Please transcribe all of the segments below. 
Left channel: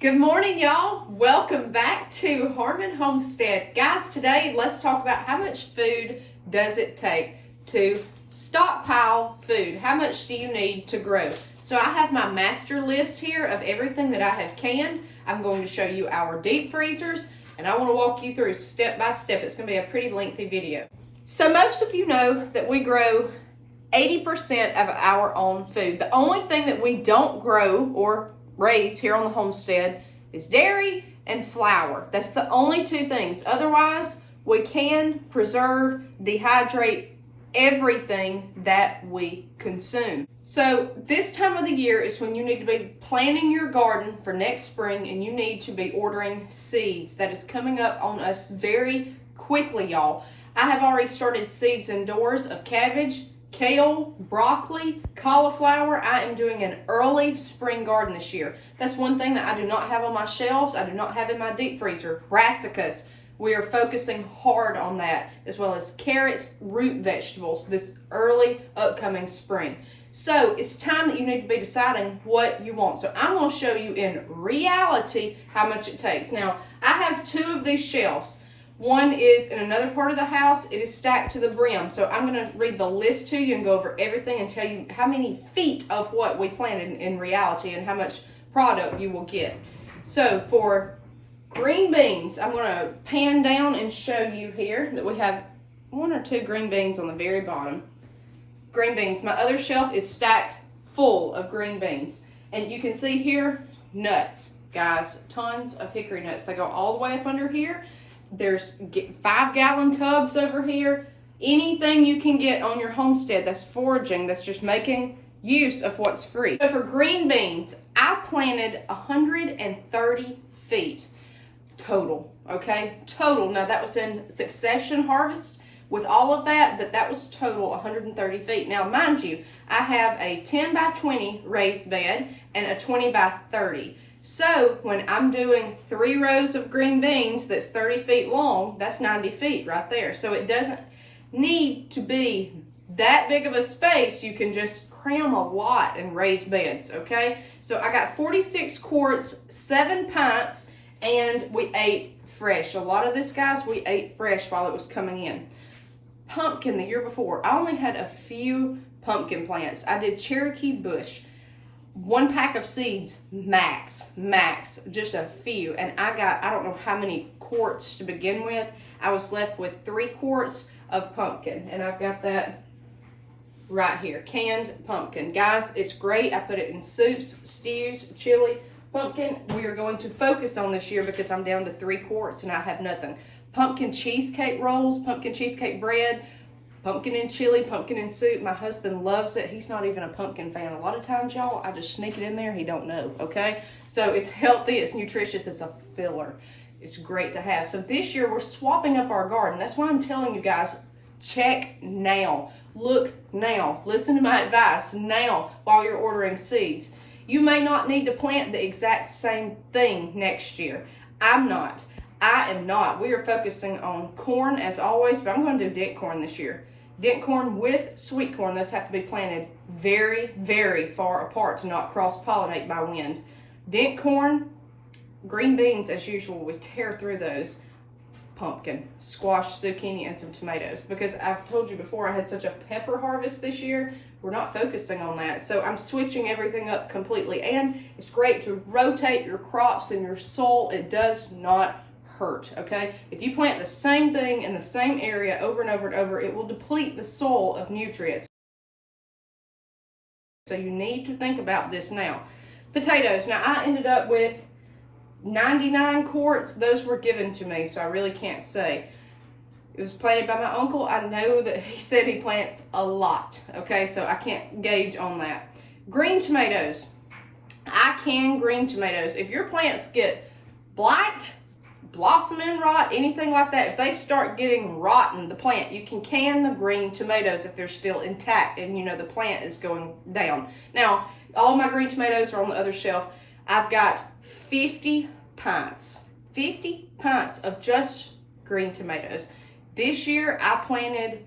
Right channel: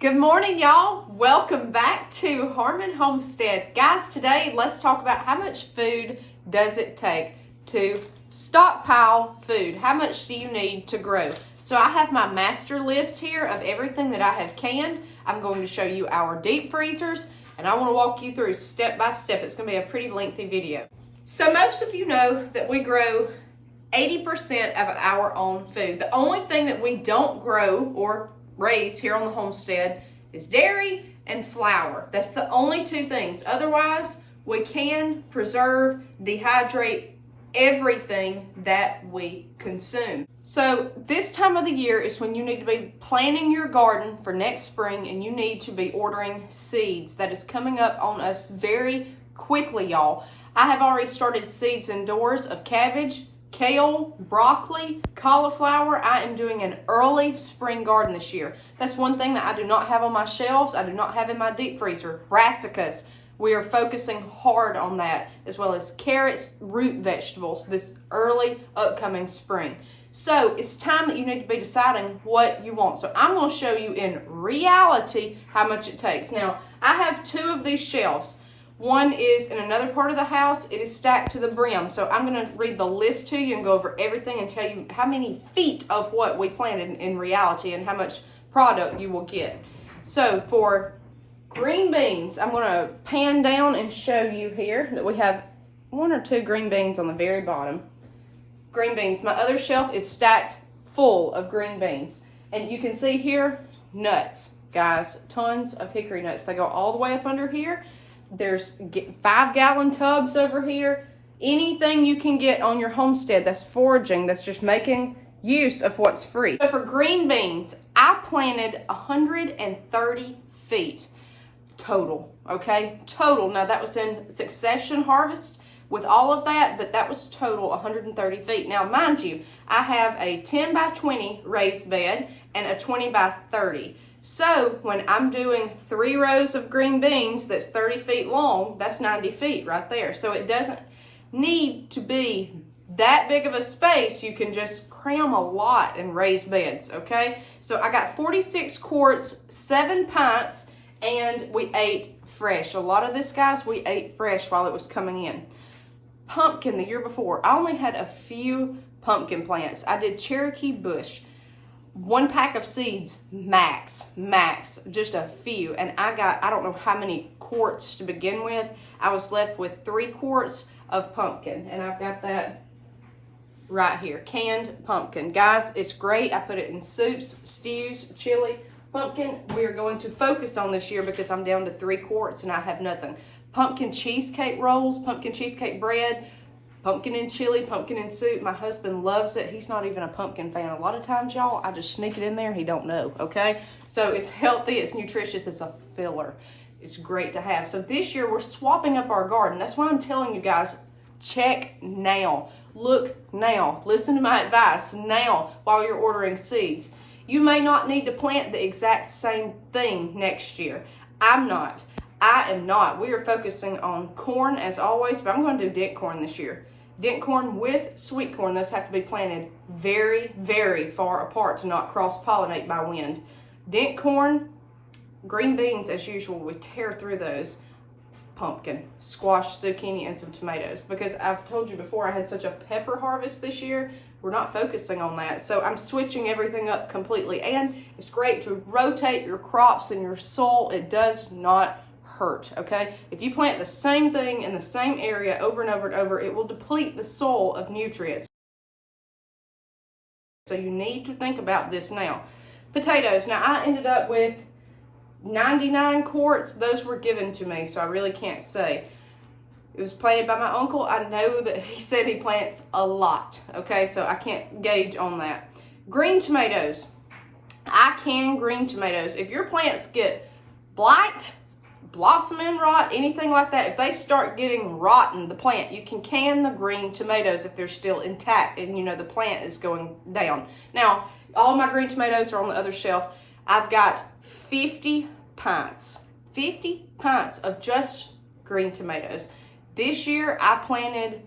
Good morning, y'all. Welcome back to Harmon Homestead. Guys, today let's talk about how much food does it take to stockpile food. How much do you need to grow? So I have my master list here of everything that I have canned. I'm going to show you our deep freezers, and I want to walk you through step by step. It's going to be a pretty lengthy video. So most of you know that we grow 80% of our own food. The only thing that we don't grow or raise here on the homestead is dairy and flour. That's the only two things. Otherwise, we can preserve, dehydrate everything that we consume. So this time of the year is when you need to be planting your garden for next spring, and you need to be ordering seeds. That is coming up on us very quickly, y'all. I have already started seeds indoors of cabbage, kale, broccoli, cauliflower. I am doing an early spring garden this year. That's one thing that I do not have on my shelves. I do not have in my deep freezer. Brassicas. We are focusing hard on that, as well as carrots, root vegetables this early upcoming spring. So it's time that you need to be deciding what you want. So I'm going to show you in reality how much it takes. Now, I have two of these shelves. One is in another part of the house. It is stacked to the brim. So I'm going to read the list to you and go over everything and tell you how many feet of what we planted in reality and how much product you will get. So for green beans, I'm going to pan down and show you here that we have one or two green beans on the very bottom. Green beans. My other shelf is stacked full of green beans. And you can see here, nuts. Guys, tons of hickory nuts. They go all the way up under here. There's 5-gallon tubs over here. Anything you can get on your homestead that's foraging, that's just making use of what's free. So for green beans, I planted 130 feet total, okay? Total. Now that was in succession harvest with all of that, but that was total 130 feet. Now mind you, I have a 10 by 20 raised bed and a 20 by 30. So when I'm doing 3 rows of green beans that's 30 feet long, that's 90 feet right there. So it doesn't need to be that big of a space. You can just cram a lot in raised beds, okay? So I got 46 quarts, 7 pints, and we ate fresh. A lot of this, guys, we ate fresh while it was coming in. Pumpkin the year before, I only had a few pumpkin plants. I did Cherokee Bush. 1 pack of seeds, max, just a few. And I got, I don't know how many quarts to begin with. I was left with 3 quarts of pumpkin. And I've got that right here, canned pumpkin. Guys, it's great. I put it in soups, stews, chili. Pumpkin, we are going to focus on this year because I'm down to 3 quarts and I have nothing. Pumpkin cheesecake rolls, pumpkin cheesecake bread, pumpkin and chili, pumpkin and soup. My husband loves it. He's not even a pumpkin fan. A lot of times, y'all, I just sneak it in there. He don't know, okay? So it's healthy. It's nutritious. It's a filler. It's great to have. So this year, we're swapping up our garden. That's why I'm telling you guys, check now. Look now. Listen to my advice now while you're ordering seeds. You may not need to plant the exact same thing next year. I am not. We are focusing on corn as always, but I'm going to do dent corn this year. Dent corn with sweet corn. Those have to be planted very, very far apart to not cross-pollinate by wind. Dent corn, green beans as usual. We tear through those. Pumpkin, squash, zucchini, and some tomatoes. Because I've told you before, I had such a pepper harvest this year. We're not focusing on that. So I'm switching everything up completely. And it's great to rotate your crops and your soil. It does not hurt, okay? If you plant the same thing in the same area over and over and over, it will deplete the soil of nutrients. So you need to think about this now. Potatoes. Now I ended up with 99 quarts. Those were given to me, so I really can't say. It was planted by my uncle. I know that he said he plants a lot, okay? So I can't gauge on that. Green tomatoes. I can green tomatoes. If your plants get blight, blossom end rot, anything like that, if they start getting rotten, the plant, you can can the green tomatoes if they're still intact and you know the plant is going down. Now, all my green tomatoes are on the other shelf. I've got 50 pints of just green tomatoes. This year I planted,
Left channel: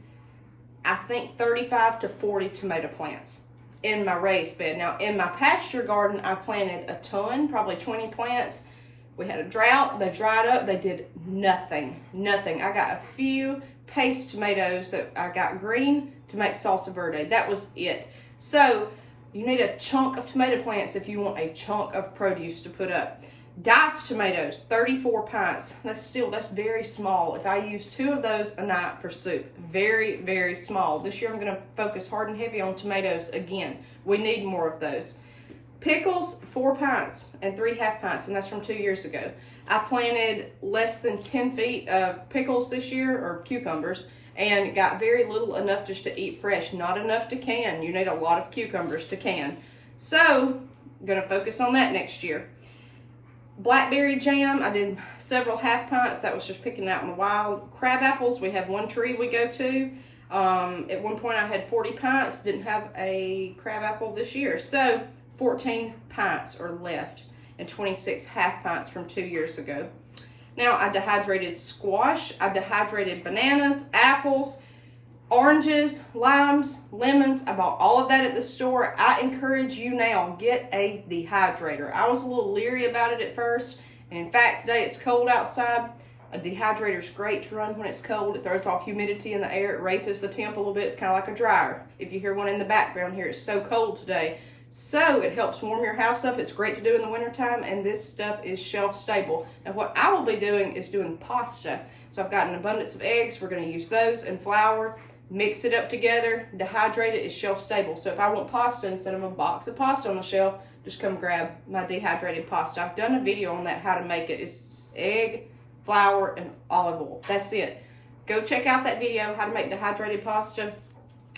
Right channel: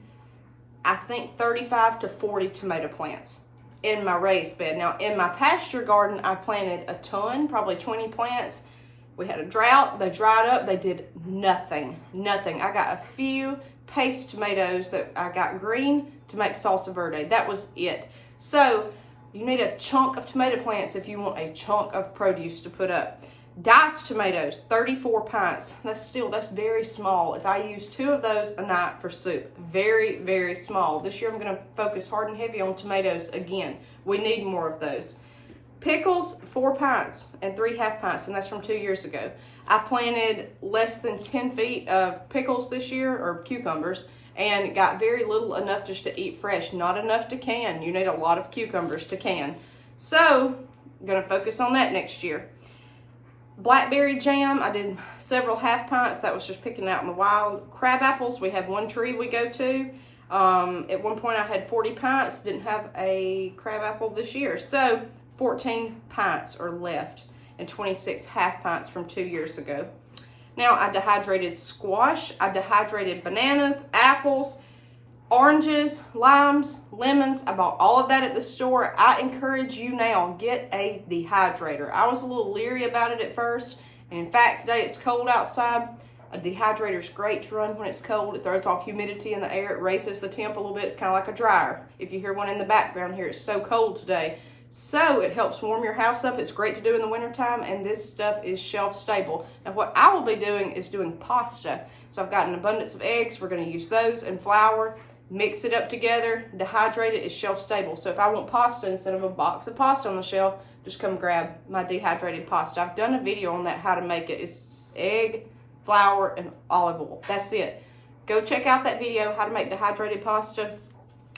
I think 35 to 40 tomato plants. in my raised bed. Now, in my pasture garden, I planted a ton, probably 20 plants. We had a drought, they dried up, they did nothing. I got a few paste tomatoes that I got green to make salsa verde. That was it. So you need a chunk of tomato plants if you want a chunk of produce to put up. Diced tomatoes, 34 pints. That's very small. If I use 2 of those a night for soup, very, very small. This year I'm gonna focus hard and heavy on tomatoes again. We need more of those. Pickles, 4 pints and 3 half pints, and that's from 2 years ago. I planted less than 10 feet of pickles this year, or cucumbers, and got very little, enough just to eat fresh, not enough to can. You need a lot of cucumbers to can. So, I'm gonna focus on that next year. Blackberry jam, I did several half pints. That was just picking out in the wild. Crab apples, we have one tree we go to. At one point I had 40 pints, didn't have a crab apple this year. So, 14 pints are left and 26 half pints from 2 years ago. Now, I dehydrated squash, I dehydrated bananas, apples, oranges, limes, lemons. I bought all of that at the store. I encourage you now, get a dehydrator. I was a little leery about it at first. And in fact, today it's cold outside. A dehydrator is great to run when it's cold. It throws off humidity in the air. It raises the temp a little bit. It's kind of like a dryer. If you hear one in the background here, it's so cold today. So it helps warm your house up. It's great to do in the wintertime, and this stuff is shelf stable. Now what I will be doing is doing pasta. So I've got an abundance of eggs. We're gonna use those and flour, mix it up together, dehydrate it. It's shelf stable. So if I want pasta, instead of a box of pasta on the shelf, just come grab my dehydrated pasta. I've done a video on that, how to make it. It's egg, flour, and olive oil. That's it. Go check out that video, how to make dehydrated pasta.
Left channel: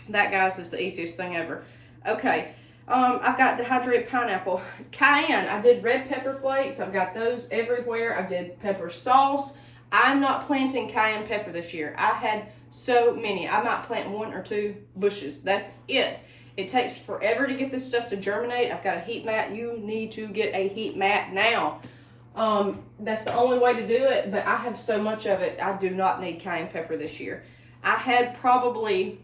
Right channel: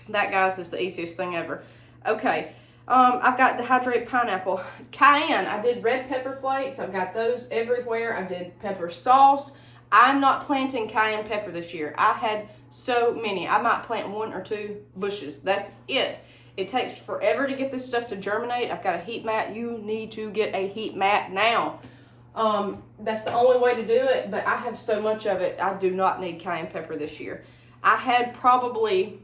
That, guys, is the easiest thing ever. Okay. I've got dehydrated pineapple. Cayenne, I did red pepper flakes. I've got those everywhere. I did pepper sauce. I'm not planting cayenne pepper this year. I had so many. I might plant 1 or 2 bushes. That's it. It takes forever to get this stuff to germinate. I've got a heat mat. You need to get a heat mat now. That's the only way to do it, but I have so much of it. I do not need cayenne pepper this year. I had probably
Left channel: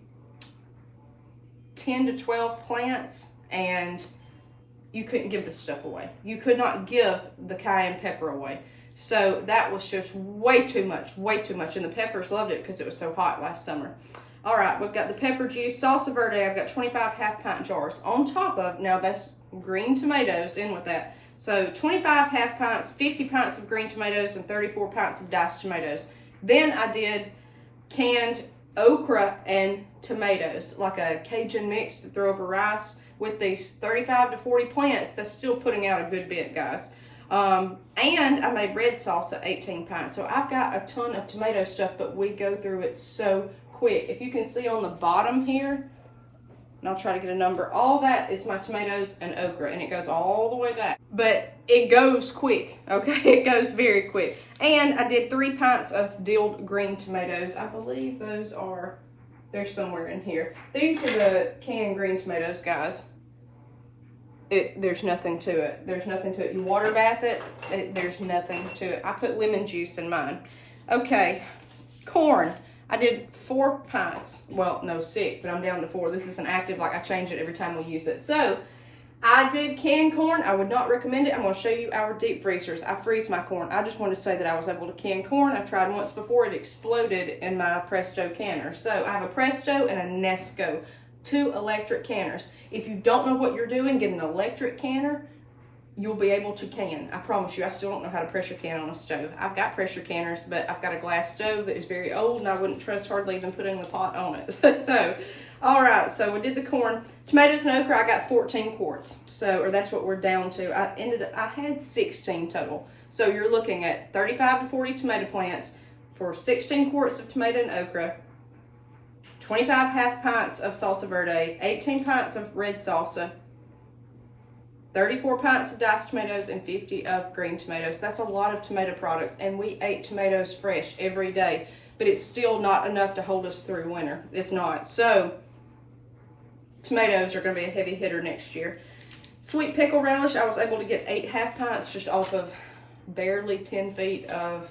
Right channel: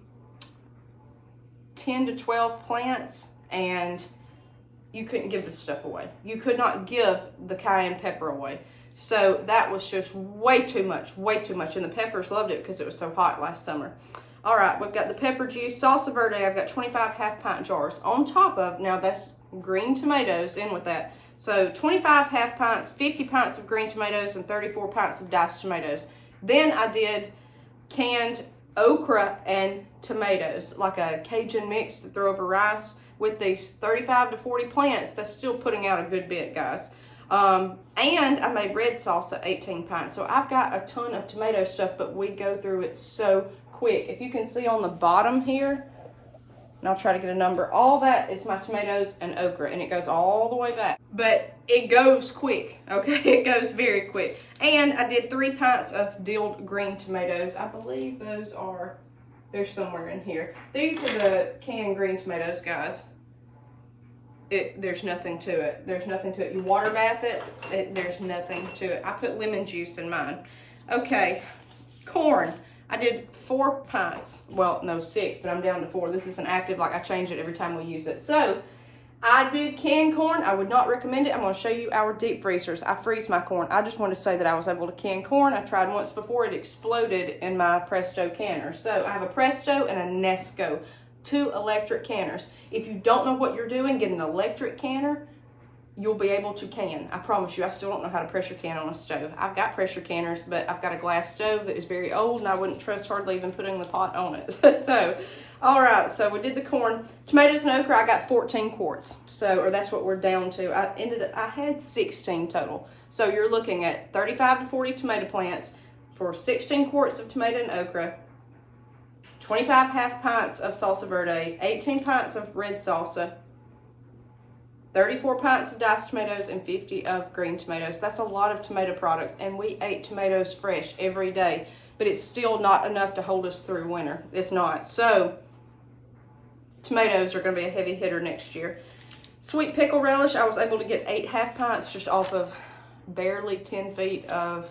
10 to 12 plants, and you couldn't give this stuff away. You could not give the cayenne pepper away. So that was just way too much, and the peppers loved it because it was so hot last summer. All right, we've got the pepper juice, salsa verde. I've got 25 half pint jars on top of, now that's green tomatoes in with that. So 25 half pints, 50 pints of green tomatoes, and 34 pints of diced tomatoes. Then I did canned okra and tomatoes, like a Cajun mix to throw over rice. With these 35 to 40 plants, that's still putting out a good bit, guys. And I made red salsa, 18 pints. So I've got a ton of tomato stuff, but we go through it so quick. If you can see on the bottom here, and I'll try to get a number, all that is my tomatoes and okra, and it goes all the way back. But it goes quick, okay? It goes very quick. And I did 3 pints of dilled green tomatoes. I believe those are, they're somewhere in here. These are the canned green tomatoes, guys. There's nothing to it. There's nothing to it. You water bath it, there's nothing to it. I put lemon juice in mine. Okay, corn. I did 4 pints. Well, no, 6, but I'm down to 4. This isn't active, like I change it every time we use it. So, I did canned corn. I would not recommend it. I'm going to show you our deep freezers. I freeze my corn. I just want to say that I was able to can corn. I tried once before. It exploded in my Presto canner. So, I have a Presto and a Nesco. 2 electric canners. If you don't know what you're doing, get an electric canner. You'll be able to can. I promise you, I still don't know how to pressure can on a stove. I've got pressure canners, but I've got a glass stove that is very old, and I wouldn't trust hardly even putting the pot on it. So, all right, so we did the corn. Tomatoes and okra, I got 14 quarts. So, or that's what we're down to. I had 16 total. So you're looking at 35 to 40 tomato plants for 16 quarts of tomato and okra, 25 half pints of salsa verde, 18 pints of red salsa, 34 pints of diced tomatoes, and 50 of green tomatoes. That's a lot of tomato products, and we ate tomatoes fresh every day, but it's still not enough to hold us through winter. It's not. So, tomatoes are going to be a heavy hitter next year. Sweet pickle relish, I was able to get 8 half pints just off of barely 10 feet of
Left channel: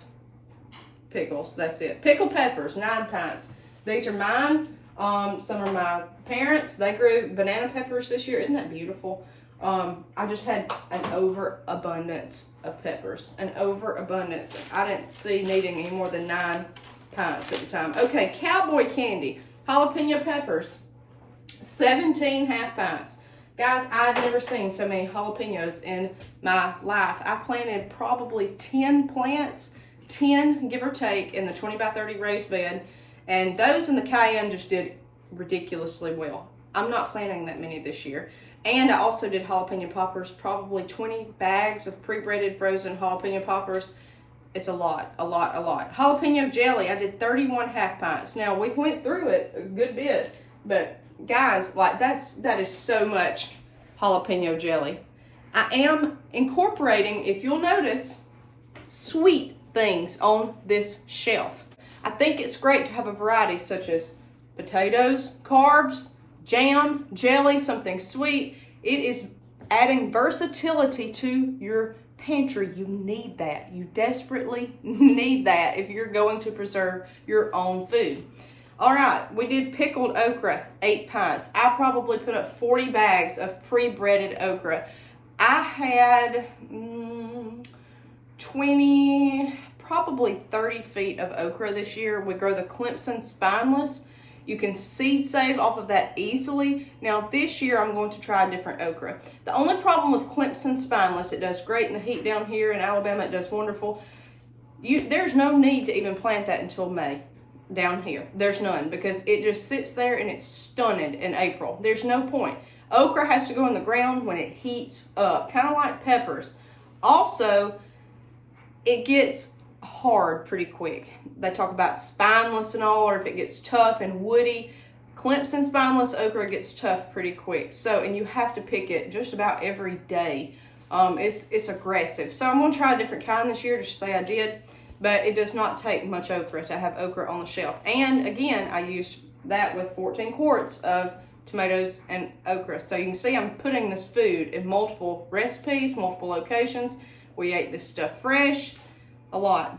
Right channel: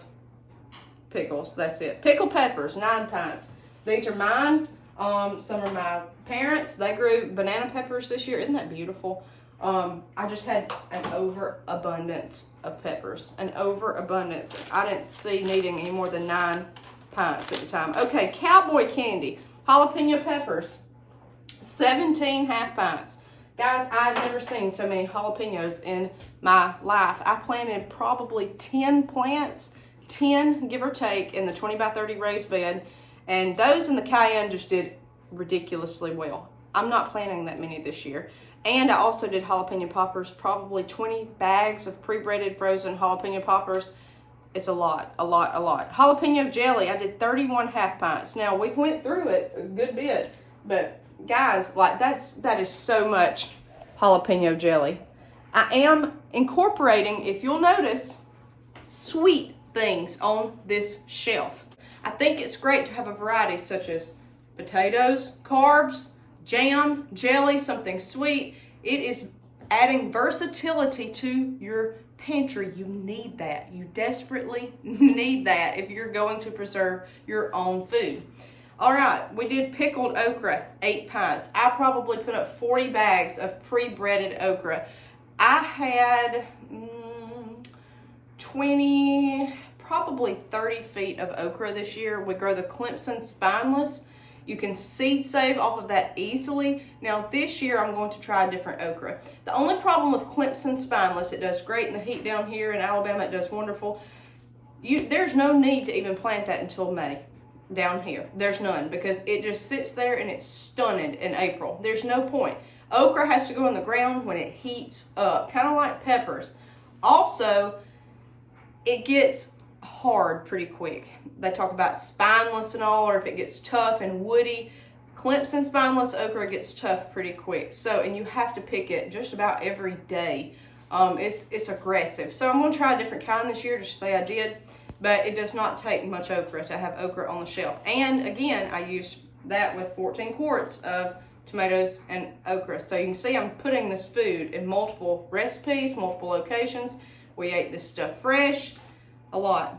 pickles. That's it. Pickle peppers, 9 pints. These are mine. Some are my parents. They grew banana peppers this year. Isn't that beautiful? I just had an overabundance of peppers. An overabundance. I didn't see needing any more than 9 pints at the time. Okay, cowboy candy. Jalapeno peppers. 17 half pints. Guys, I've never seen so many jalapenos in my life. I planted probably 10 plants, 10 give or take, in the 20 by 30 raised bed. And those in the cayenne just did ridiculously well. I'm not planting that many this year. And I also did jalapeno poppers, probably 20 bags of pre-breaded frozen jalapeno poppers. It's a lot, a lot, a lot. Jalapeno jelly, I did 31 half pints. Now, we went through it a good bit, but guys, like that is so much jalapeno jelly. I am incorporating, if you'll notice, sweet things on this shelf. I think it's great to have a variety such as potatoes, carbs, jam, jelly, something sweet. It is adding versatility to your pantry. You need that. You desperately need that if you're going to preserve your own food. All right, we did pickled okra, 8 pints. I probably put up 40 bags of pre-breaded okra. I had 20, probably 30 feet of okra this year. We grow the Clemson spineless. You can seed save off of that easily. Now this year I'm going to try a different okra. The only problem with Clemson spineless, it does great in the heat down here in Alabama. It does wonderful. There's no need to even plant that until May. Down here, there's none, because it just sits there and it's stunted in April. There's no point. Okra has to go in the ground when it heats up, kind of like peppers. Also, it gets hard pretty quick. They talk about spineless and all, or if it gets tough and woody. Clemson spineless okra gets tough pretty quick. So, and you have to pick it just about every day. It's aggressive. So I'm gonna try a different kind this year, just to say I did. But it does not take much okra to have okra on the shelf. And again, I used that with 14 quarts of tomatoes and okra. So you can see I'm putting this food in multiple recipes, multiple locations. We ate this stuff fresh, a lot.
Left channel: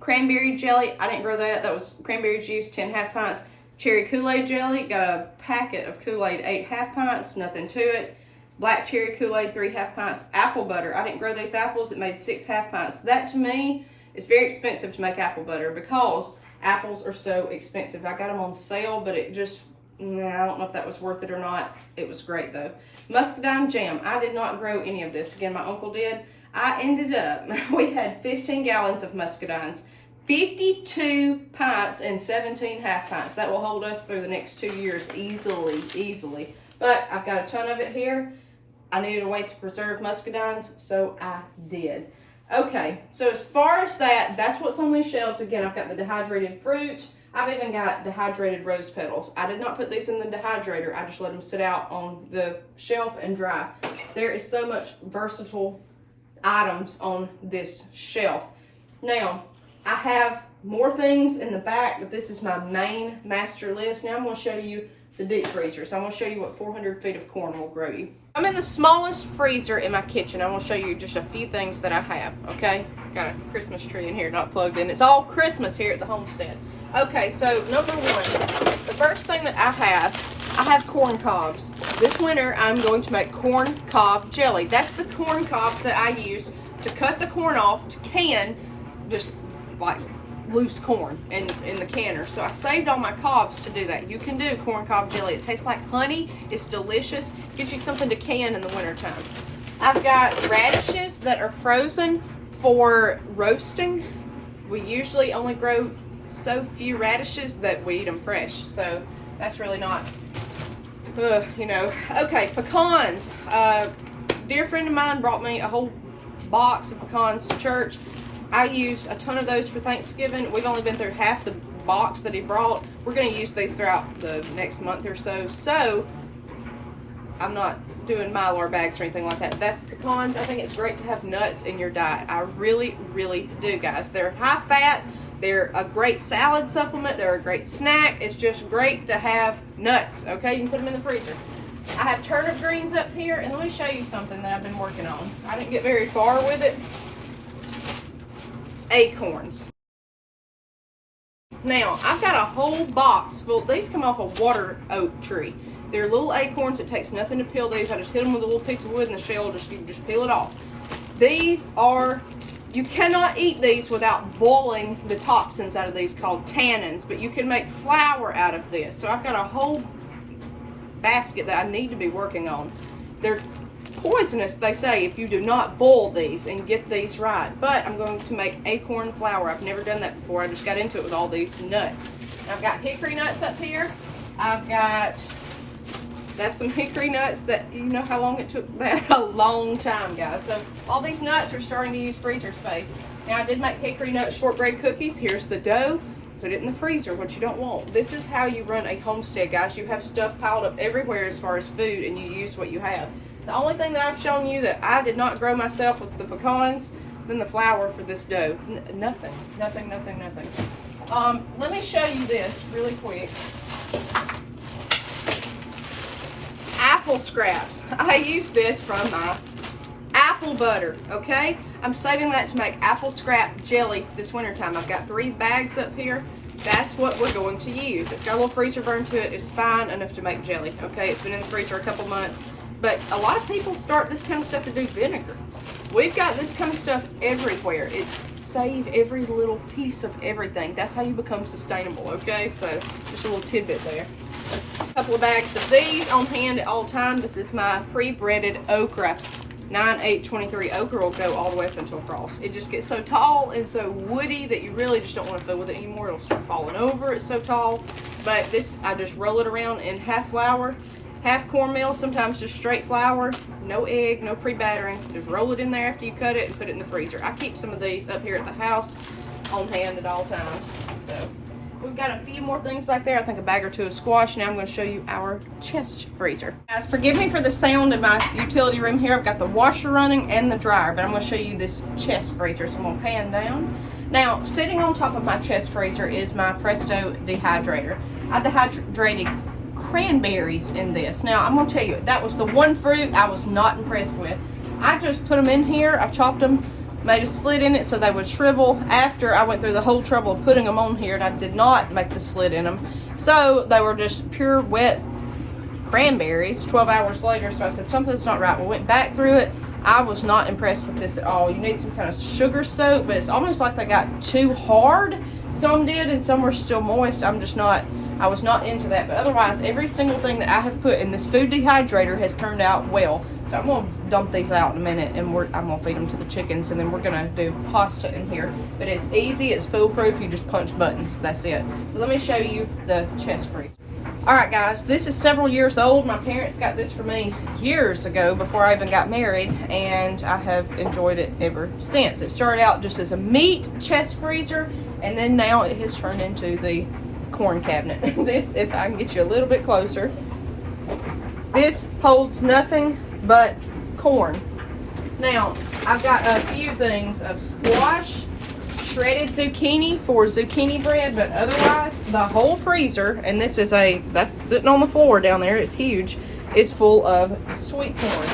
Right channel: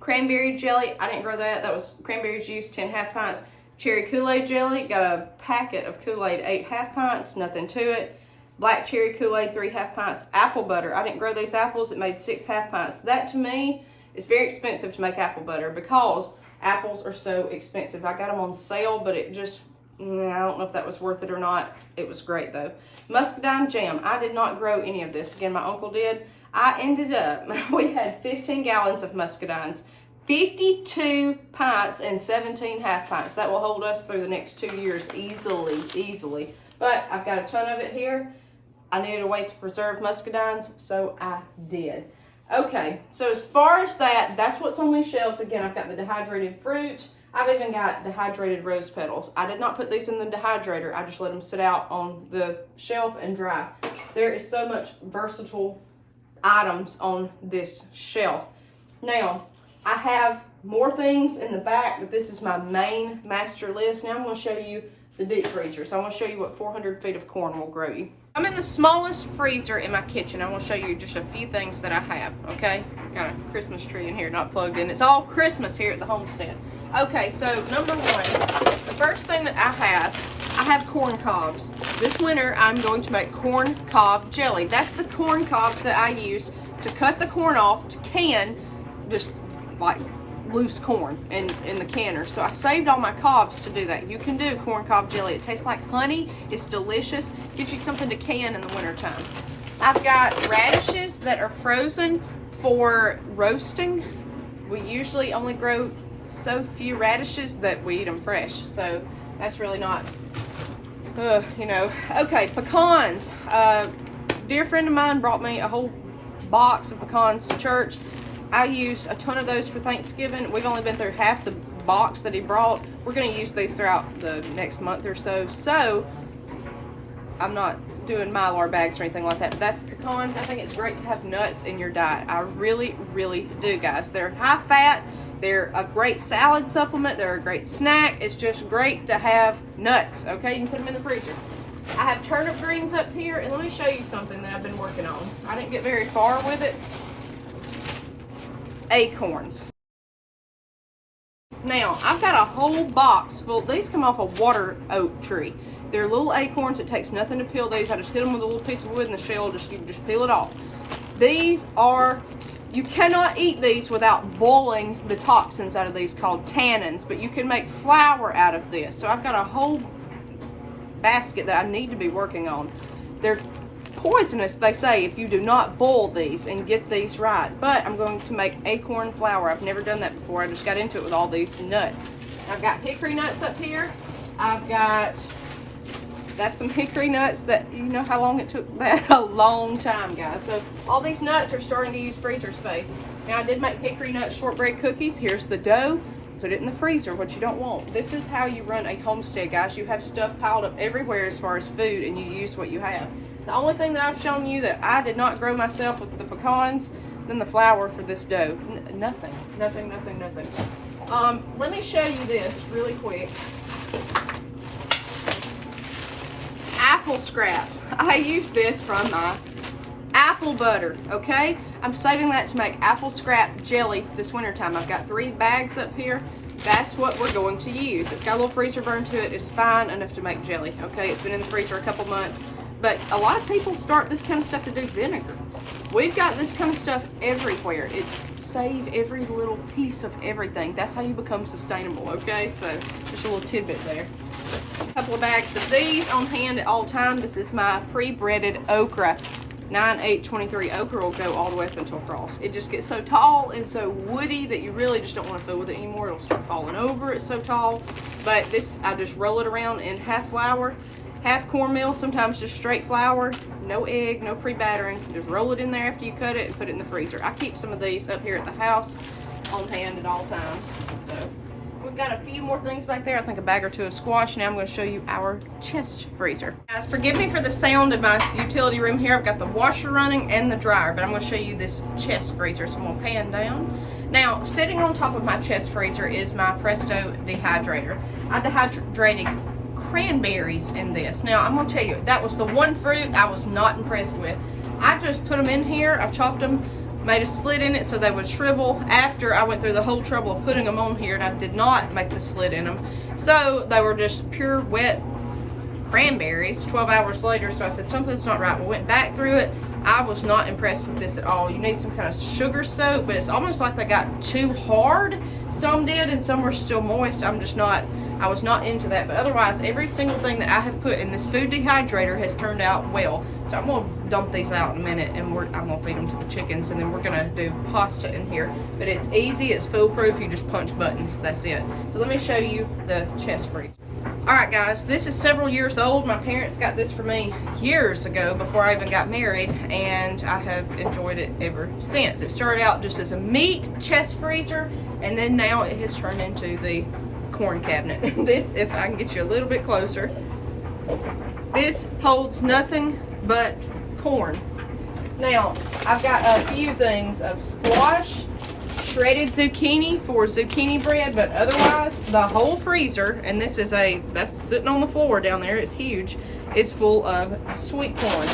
Cranberry jelly, I didn't grow that. That was cranberry juice, 10 half pints. Cherry Kool-Aid jelly, got a packet of Kool-Aid, 8 half pints, nothing to it. Black cherry Kool-Aid, 3 half pints. Apple butter, I didn't grow these apples. It made 6 half pints. That to me, it's very expensive to make apple butter because apples are so expensive. I got them on sale, but it just, I don't know if that was worth it or not. It was great though. Muscadine jam. I did not grow any of this. Again, my uncle did. I ended up, we had 15 gallons of muscadines, 52 pints and 17 half pints. That will hold us through the next 2 years easily, easily. But I've got a ton of it here. I needed a way to preserve muscadines, so I did. Okay, so as far as that's what's on these shelves. Again, I've got the dehydrated fruit. I've even got dehydrated rose petals. I did not put these in the dehydrator. I just let them sit out on the shelf and dry. There is so much versatile items on this shelf. Now, I have more things in the back, but this is my main master list. Now I'm going to show you the deep freezer. So I'm going to show you what 400 feet of corn will grow you. I'm in the smallest freezer in my kitchen. I'm going to show you just a few things that I have, okay? Got a Christmas tree in here, not plugged in. It's all Christmas here at the homestead. Okay, so number one, the first thing that I have corn cobs. This winter, I'm going to make corn cob jelly. That's the corn cobs that I use to cut the corn off to can, just like loose corn in the canner. So I saved all my cobs to do that. You can do corn cob jelly. It tastes like honey. It's delicious. Gives you something to can in the wintertime. I've got radishes that are frozen for roasting. We usually only grow so few radishes that we eat them fresh. So that's really not, you know. Okay, pecans. Dear friend of mine brought me a whole box of pecans to church. I used a ton of those for Thanksgiving. We've only been through half the box that he brought. We're going to use these throughout the next month or so. So I'm not doing Mylar bags or anything like that. But that's pecans. I think it's great to have nuts in your diet. I really, really do, guys. They're high fat. They're a great salad supplement. They're a great snack. It's just great to have nuts, okay? You can put them in the freezer. I have turnip greens up here, and let me show you something that I've been working on. I didn't get very far with it. Acorns. Now, I've got a whole box full. These come off a water oak tree. They're little acorns. It takes nothing to peel these. I just hit them with a little piece of wood in the shell. You just peel it off. These are, you cannot eat these without boiling the toxins out of these called tannins, but you can make flour out of this. So I've got a whole basket that I need to be working on. They're poisonous, they say, if you do not boil these and get these right. But I'm going to make acorn flour. I've never done that before. I just got into it with all these nuts. I've got hickory nuts up here. That's some hickory nuts that, you know how long it took that? A long time, guys. So all these nuts are starting to use freezer space. Now I did make hickory nut shortbread cookies. Here's the dough. Put it in the freezer, what you don't want. This is how you run a homestead, guys. You have stuff piled up everywhere as far as food, and you use what you have. The only thing that I've shown you that I did not grow myself was the pecans, then the flour for this dough. Nothing. Let me show you this really quick. Apple scraps. I use this from my apple butter, okay? I'm saving that to make apple scrap jelly this wintertime. I've got 3 bags up here. That's what we're going to use. It's got a little freezer burn to it. It's fine enough to make jelly, okay? It's been in the freezer a couple months. But a lot of people start this kind of stuff to do vinegar. We've got this kind of stuff everywhere. It saves every little piece of everything. That's how you become sustainable, okay? So just a little tidbit there. A couple of bags of these on hand at all time. This is my pre-breaded okra. 9/8/23 okra will go all the way up until frost. It just gets so tall and so woody that you really just don't want to fool with it anymore. It'll start falling over. It's so tall. But this, I just roll it around in half flour, half cornmeal, sometimes just straight flour, no egg, no pre-battering. Just roll it in there after you cut it and put it in the freezer. I keep some of these up here at the house on hand at all times. So we've got a few more things back there. I think a bag or 2 of squash. Now I'm going to show you our chest freezer. Guys, forgive me for the sound in my utility room here. I've got the washer running and the dryer, but I'm going to show you this chest freezer. So I'm going to pan down. Now, sitting on top of my chest freezer is my Presto dehydrator. I dehydrated cranberries in this. Now, I'm going to tell you, that was the one fruit I was not impressed with. I just put them in here. I've chopped them, made a slit in it so they would shrivel after I went through the whole trouble of putting them on here, and I did not make the slit in them. So they were just pure wet cranberries 12 hours later. So I said, something's not right. We went back through it. I was not impressed with this at all. You need some kind of sugar soak, but it's almost like they got too hard. Some did and some were still moist. I was not into that, but otherwise every single thing that I have put in this food dehydrator has turned out well. So I'm going to dump these out in a minute, and I'm going to feed them to the chickens, and then we're going to do pasta in here. But it's easy, it's foolproof, you just punch buttons, that's it. So let me show you the chest freezer. Alright guys, this is several years old. My parents got this for me years ago before I even got married, and I have enjoyed it ever since. It started out just as a meat chest freezer, and then now it has turned into the corn cabinet. This, if I can get you a little bit closer, this holds nothing but corn. Now, I've got a few things of squash, shredded zucchini for zucchini bread, but otherwise the whole freezer, and this is that's sitting on the floor down there, it's huge, it's full of sweet corn.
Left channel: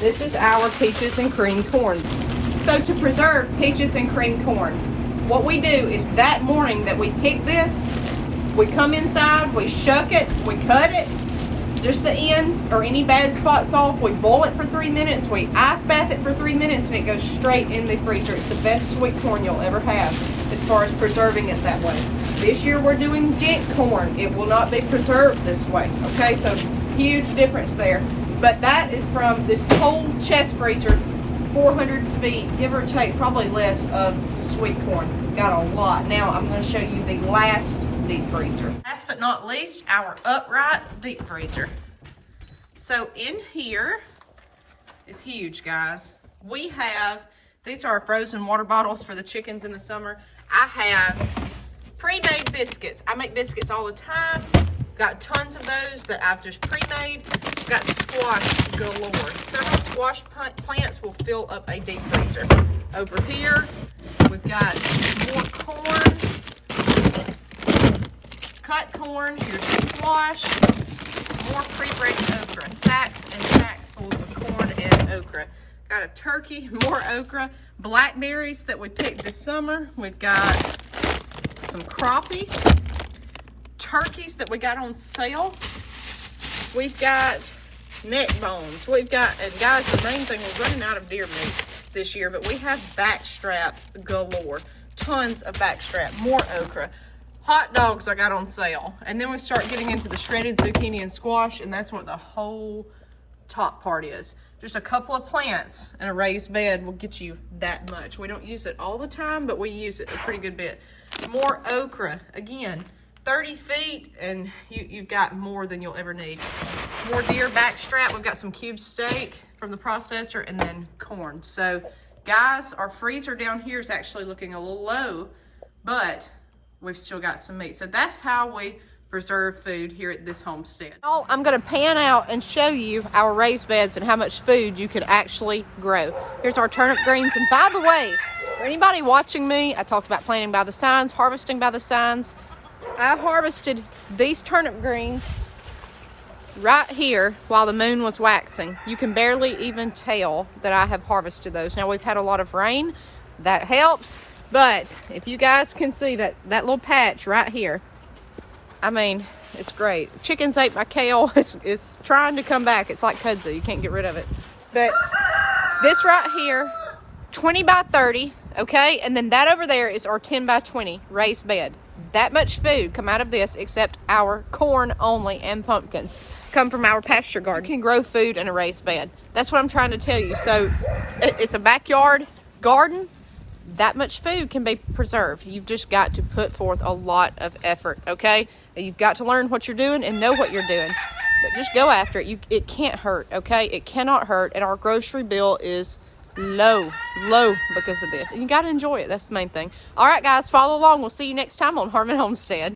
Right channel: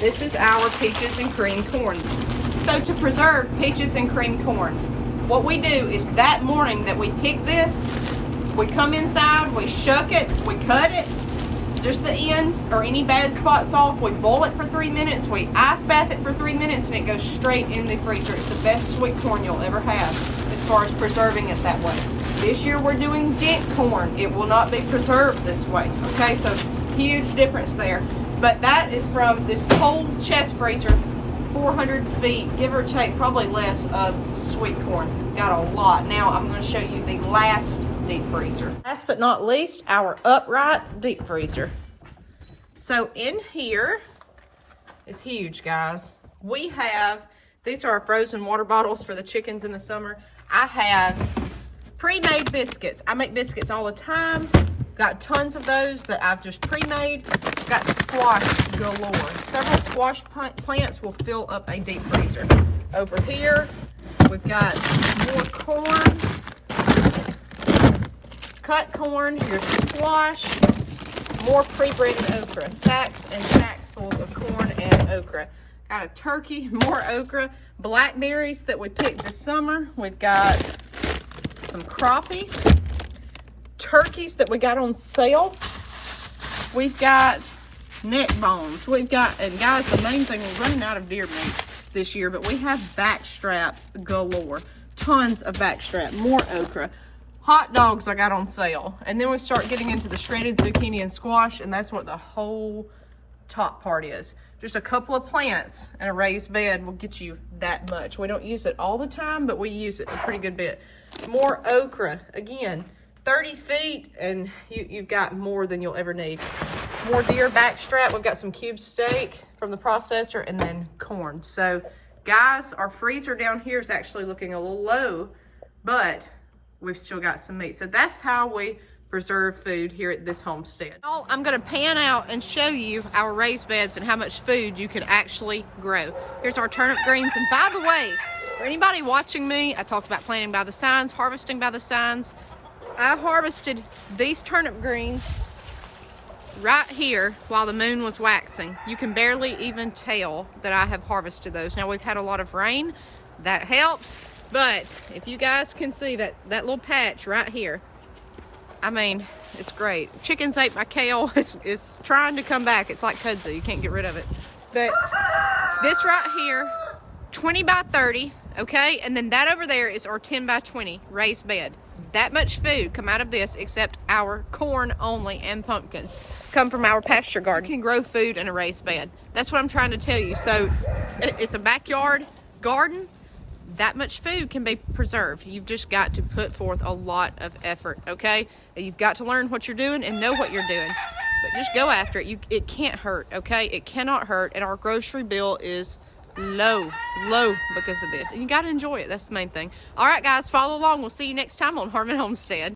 This is our peaches and cream corn. So to preserve peaches and cream corn, what we do is that morning that we pick this, we come inside, we shuck it, we cut it, just the ends or any bad spots off. We boil it for 3 minutes, we ice bath it for 3 minutes, and it goes straight in the freezer. It's the best sweet corn you'll ever have as far as preserving it that way. This year we're doing dent corn. It will not be preserved this way. Okay, so huge difference there. But that is from this whole chest freezer, 400 feet, give or take, probably less, of sweet corn. Got a lot. Now I'm going to show you the last deep freezer. Last but not least, our upright deep freezer. So in here is huge, guys. We have, these are our frozen water bottles for the chickens in the summer. I have pre-made biscuits. I make biscuits all the time. Got tons of those that I've just pre-made. Got squash galore. Several squash plants will fill up a deep freezer. Over here, we've got more corn. Cut corn, here's squash, more pre-breaded okra, sacks and sacks full of corn and okra. Got a turkey, more okra, blackberries that we picked this summer. We've got some crappie, turkeys that we got on sale. We've got neck bones. We've got, and guys, the main thing, we're running out of deer meat this year, but we have backstrap galore. Tons of backstrap, more okra. Hot dogs I got on sale. And then we start getting into the shredded zucchini and squash, and that's what the whole top part is. Just a couple of plants and a raised bed will get you that much. We don't use it all the time, but we use it a pretty good bit. More okra, again, 30 feet, and you've got more than you'll ever need. More deer backstrap. We've got some cube steak from the processor, and then corn. So, guys, our freezer down here is actually looking a little low, but we've still got some meat. So that's how we preserve food here at this homestead. I'm gonna pan out and show you our raised beds and how much food you can actually grow. Here's our turnip greens. And by the way, for anybody watching me, I talked about planting by the signs, harvesting by the signs. I harvested these turnip greens right here while the moon was waxing. You can barely even tell that I have harvested those. Now we've had a lot of rain, that helps, but if you guys can see that little patch right here, I mean, it's great. Chickens ate my kale. It's trying to come back. It's like kudzu. You can't get rid of it. But this right here, 20 by 30, okay? And then that over there is our 10 by 20 raised bed. That much food come out of this, except our corn only and pumpkins come from our pasture garden. You can grow food in a raised bed. That's what I'm trying to tell you. So it's a backyard garden. That much food can be preserved. You've just got to put forth a lot of effort, okay? You've got to learn what you're doing and know what you're doing. But just go after it. It can't hurt, okay? It cannot hurt, and our grocery bill is low because of this. And you got to enjoy it. That's the main thing. All right, guys, follow along. We'll see you next time on Harmon Homestead.